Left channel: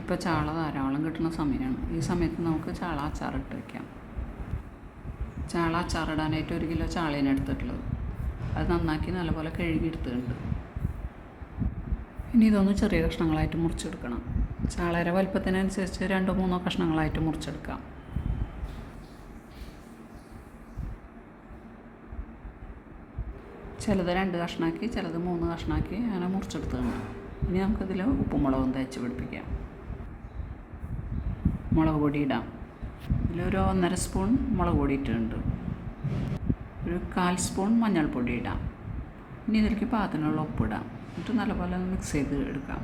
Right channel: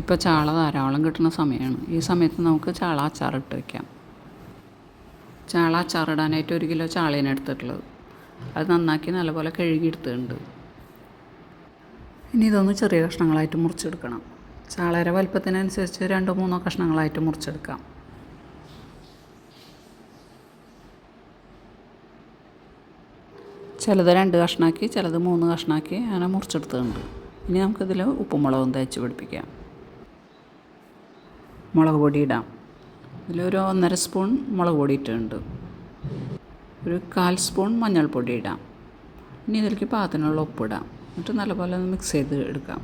ഇപ്പോൾ ചാള ധാരാളം കിട്ടുന്ന സമയമാണ്. ഈ സമയത്ത് നമുക്ക് ചാള അച്ചാറിട്ട് വയ്ക്കാം. ചാള അച്ചാറിടാനായിട്ട് 1 കിലോ ചാളയാണ് എടുത്തിട്ടുള്ളത്. അത് നന്നാക്കി നല്ലപോലെ കഴുകിയെടുത്തിട്ടുണ്ട്. ഇനി ഇതൊന്ന് ചെറിയ കഷ്ണങ്ങളായിട്ട് മുറിച്ചെടുക്കണം. ചാളയുടെ വലുപ്പത്തിനനുസരിച്ച് 2-3 കഷ്ണങ്ങളായിട്ട് മുറിച്ചെടുക്കാം. ചിലത് 2 കഷ്ണമാക്കി, ചിലത് 3 കഷ്ണമാക്കി അങ്ങനെ മുറിച്ചെടുത്തിട്ടുണ്ട്. ഇനി നമുക്കിതിൽ ഉപ്പും മുളകും തേച്ച് പിടിപ്പിക്കാം. മുളക് പൊടി ഇടാം. ഇതിലൊരു 1.5 സ്പൂൺ മുളക് പൊടി ഇട്ടിട്ടുണ്ട്. ഒരു 1/4 സ്പൂൺ മഞ്ഞൾപ്പൊടി ഇടാം. ഇനി ഇതിലേക്ക് പാകത്തിനുള്ള ഉപ്പിടാം. എന്നിട്ട് നല്ലപോലെ ഒന്ന് മിക്സ് ചെയ്ത് എടുക്കാം.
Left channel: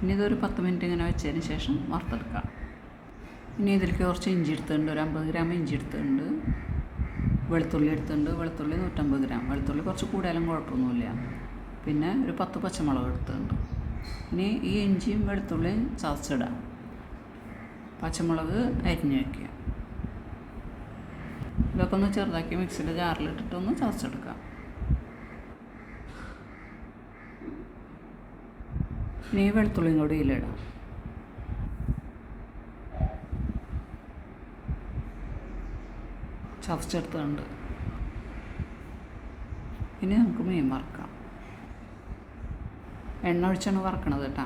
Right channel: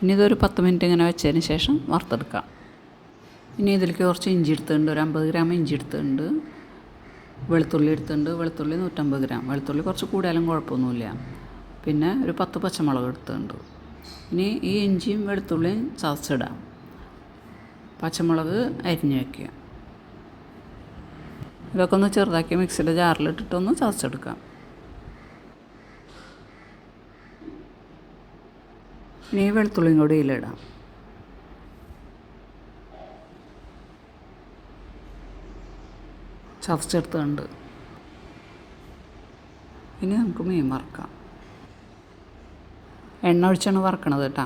ഇനി ഇതൊരു 10 മിനിറ്റ് ഇങ്ങനെ വെച്ചതിന് ശേഷം വറുത്തെടുക്കാം. ഇനി ഇതിലേക്ക് കുറച്ച് ഇഞ്ചി എടുത്തിട്ടുണ്ട്. ഒരു 50 ഗ്രാം ഇഞ്ചി എടുത്തിട്ടുണ്ട്. വെളുത്തുള്ളി എടുത്തിട്ടുണ്ട്. വെളുത്തുള്ളി 150 ഗ്രാം. വെളുത്തുള്ളി കുറച്ച് കൂടിയാലും കുഴപ്പമൊന്നുമില്ല. പിന്നെ ഒരു 10 പച്ചമുളക് എടുത്തിട്ടുണ്ട്. ഇനി ഈ ഇഞ്ചിയും വെളുത്തുള്ളിയും ചതച്ചിടാം. പച്ചമുളക് അരിഞ്ഞ് വയ്ക്കുക. ഇതൊക്കെ ഒന്ന് ചെറുതാക്കി മിക്സിയുടെ ജാറിലിട്ടിട്ടൊന്ന് ചതച്ചെടുക്കാം. ഇനി വെളുത്തുള്ളിയും കൂടി ഇതിലിടാം. ചതച്ചെടുത്തുണ്ട്. ഇനി നമുക്ക് മീൻ വറുക്കാം. എണ്ണ ഒഴിച്ചാണ് വറക്കണത് കേട്ടോ.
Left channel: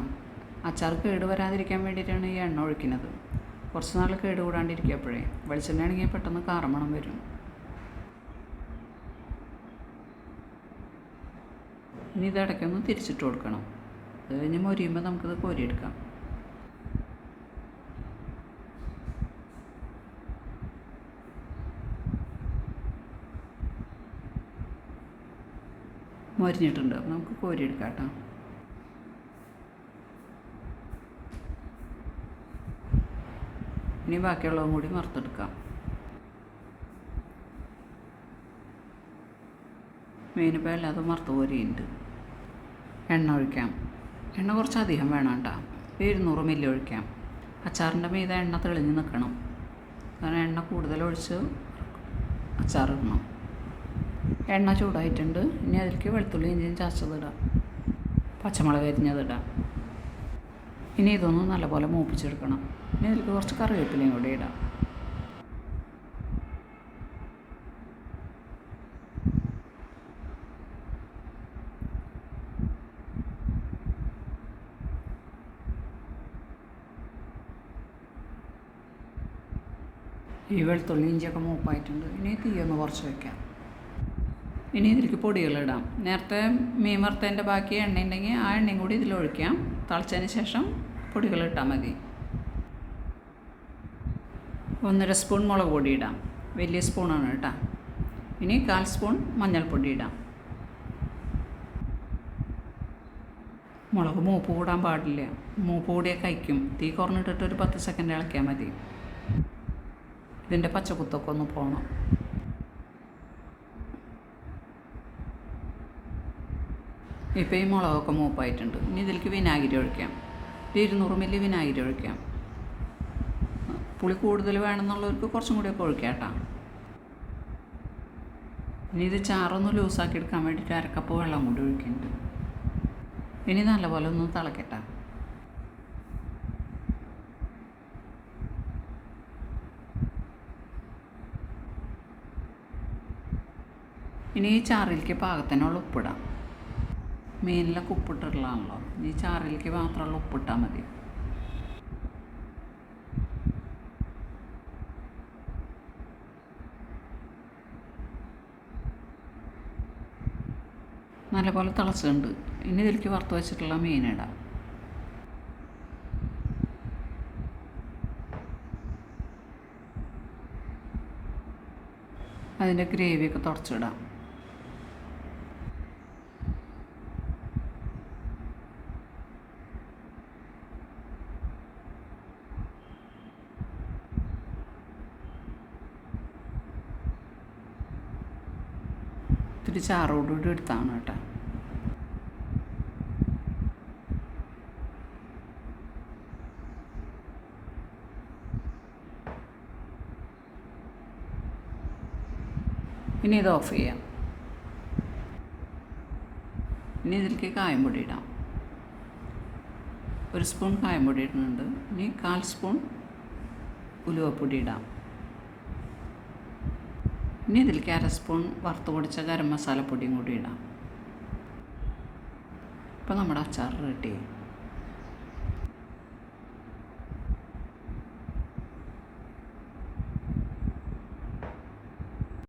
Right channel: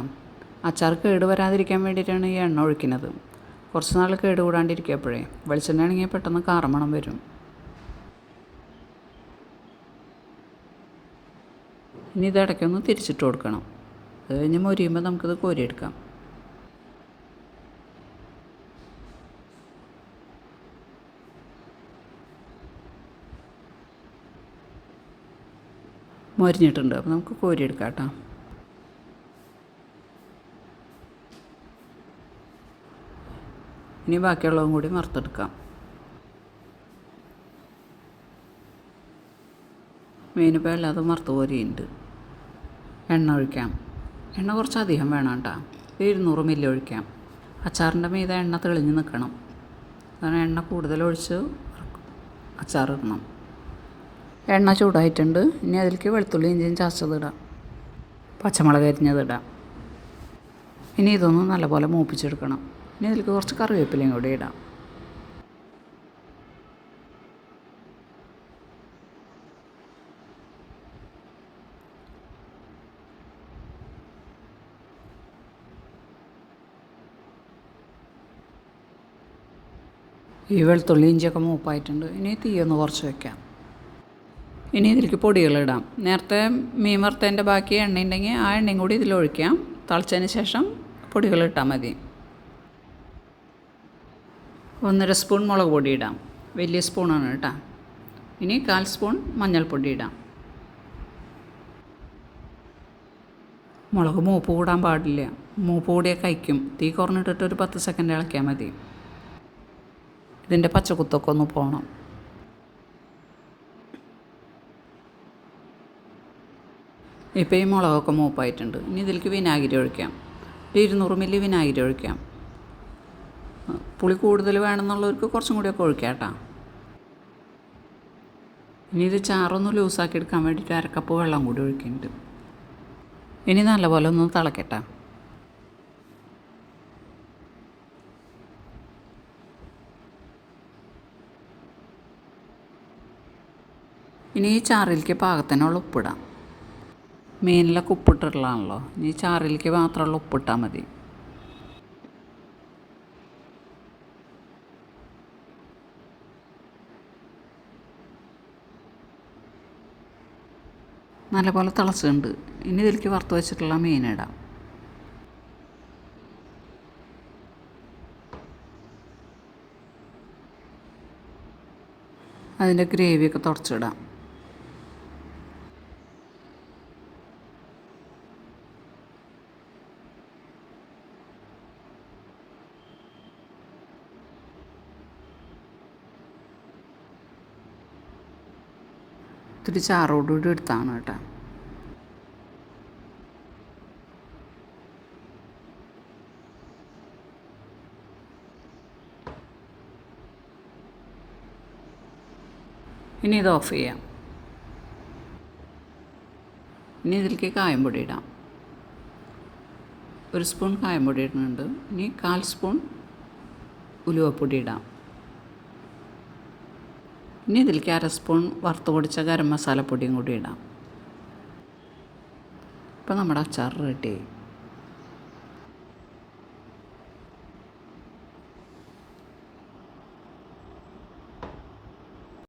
അച്ചാർ കേട് വരാതിരിക്കാൻ വേണ്ടിയിട്ടാണ് ഈ എണ്ണ ഒഴിക്കുന്നത്. കുറച്ച് നാൾ കേട് കൂടാണ്ടിരിക്കുമ്പോഴേ വെളിച്ചെണ്ണ ആണെങ്കിൽ പെട്ടെന്ന് കാറമണം വരും. ഇനി ഇത് ഇടയ്ക്കൊന്ന് തിരിച്ചിട്ട് കൊടുക്കണം. അത് കഴിഞ്ഞ് മൊരിയുമ്പോൾ നമുക്കിത് കോരിയെടുക്കാം. മൊരിഞ്ഞിട്ടുണ്ട്. അപ്പോൾ നമുക്ക് കോരിയെടുക്കാം കേട്ടോ. ഇനി ബാക്കിയുള്ളതും കൂടി വറുത്തെടുക്കാം. മീനിപ്പോൾ എല്ലാതും വറുത്ത് കോരിയുണ്ട്. എണ്ണ ഒഴിക്കാം. എണ്ണ കുറച്ചധികം വേണം കേട്ടോ. 200 മില്ലി ഒഴിക്കാം. അച്ചാറിൻ്റെ മീതെ എണ്ണ തെളിഞ്ഞ് നിൽക്കണം. കാരണം എണ്ണ കൂടുതൽ ഒഴിച്ച് അച്ചാറിടണം. എണ്ണ ചൂടായിട്ടുണ്ട്. ഇനി അതിലേക്ക് വെളുത്തുള്ളി ഇഞ്ചിയും ചതച്ചതിടാം. പച്ചമുളക് അരിഞ്ഞതിടാം. ഇനി ഇതൊന്ന് നല്ലപോലെ മൂപ്പിച്ചെടുക്കണം. ഇനി ഇതിലേക്ക് കുറച്ച് കറിവേപ്പിലയും കൂടി ഇടാം. ഈ വെളുത്തുള്ളി ഇഞ്ചിയൊക്കെ മൂപ്പായിട്ടുണ്ട്. ഇനി തീയൊന്ന് കുറച്ച് വയ്ക്കാം. ഇനി ഇതിലേക്ക് പൊടികളിടാം. നേരത്തെ മീൻ വറുത്തതിൻ്റെ ബാക്കി എണ്ണ ഉണ്ടെങ്കിൽ ആ എണ്ണയും കൂടി ഇതിലൊഴിക്കാം. തിളച്ചതിന് ശേഷം പൊടികളിട്ടാൽ മതി. 1.5 സ്പൂൺ മുളക് പൊടി ഇടാം. വലിയ സ്പൂണാണ് കേട്ടോ. ഇനി 1/4 സ്പൂൺ മഞ്ഞൾപ്പൊടി ഇടാം. മുളക് മൂപ്പ് കൂടാൻ പാടില്ല. മൂപ്പ് കൂടിയാൽ കഴിക്കും. തീ കുറഞ്ഞിട്ടിട്ട് ഒരു 10 സെക്കൻഡ് ഇളക്കിയാൽ മതി. ഇതിൻ്റെ പച്ചക്കുത്തൊക്കെ ഒന്ന് പോകണം. ഇപ്പോൾ ഈ മുളകൊക്കെ മൂപ്പായിട്ടുണ്ട്. ഇനി ഇതിലേക്ക് വിനാഗിരി ഒഴിക്കാം. 200 മില്ലി വിനാഗിരി ഒഴിക്കാം. പുളി കൂടുതൽ വേണമെന്നുള്ളവർക്ക് കുറച്ചും കൂടിയൊക്കെ ഒഴിക്കാം കേട്ടോ. ഇനി ഇത് ചാറൊന്ന് ലൂസാക്കി എടുക്കാൻ വേണ്ടിയിട്ട് 1/2 കപ്പ് വെള്ളം കൂടി ഒഴിക്കുന്നുണ്ട്. ഇനി നല്ലപോലെ ഒന്ന് തിളക്കട്ടെ. ഇനി ഈ ചാറിലേക്ക് പാകത്തിനുള്ള ഉപ്പിടാം. മീനിലൊക്കെ ഉപ്പിട്ടിട്ടുള്ളതാണല്ലോ. ഇനി ചാറിലേക്ക് മാത്രമുള്ള ഉപ്പിട്ടാൽ മതി. നല്ലപോലെ തിളച്ചിട്ടുണ്ട്. ഇനി ഇതിലേക്ക് വറുത്ത് വെച്ചിട്ടുള്ള മീനിടാം. അതിൻ്റെ ഗ്രേവിയൊക്കെ തുടച്ചിടാം. ഇത്തിരി ചാറോടുകൂടി എടുത്താണ് കേട്ടോ. ഇനി ഇത് ഓഫ് ചെയ്യാം. ഇനി ഇതിലേക്ക് കായം പൊടി ഇടാം. 1 സ്പൂൺ കായം പൊടി ഇടുന്നുണ്ട്. ഇനി 1/4 സ്പൂൺ ഉലുവപ്പൊടി ഇടാം. ഇനി ഇതിലേക്ക് 1/2 സ്പൂൺ വറുത്ത് പൊടിച്ച ഗരം മസാലപ്പൊടിയും കൂടി ഇടാം. ഇപ്പോൾ നമ്മുടെ അച്ചാർ റെഡി.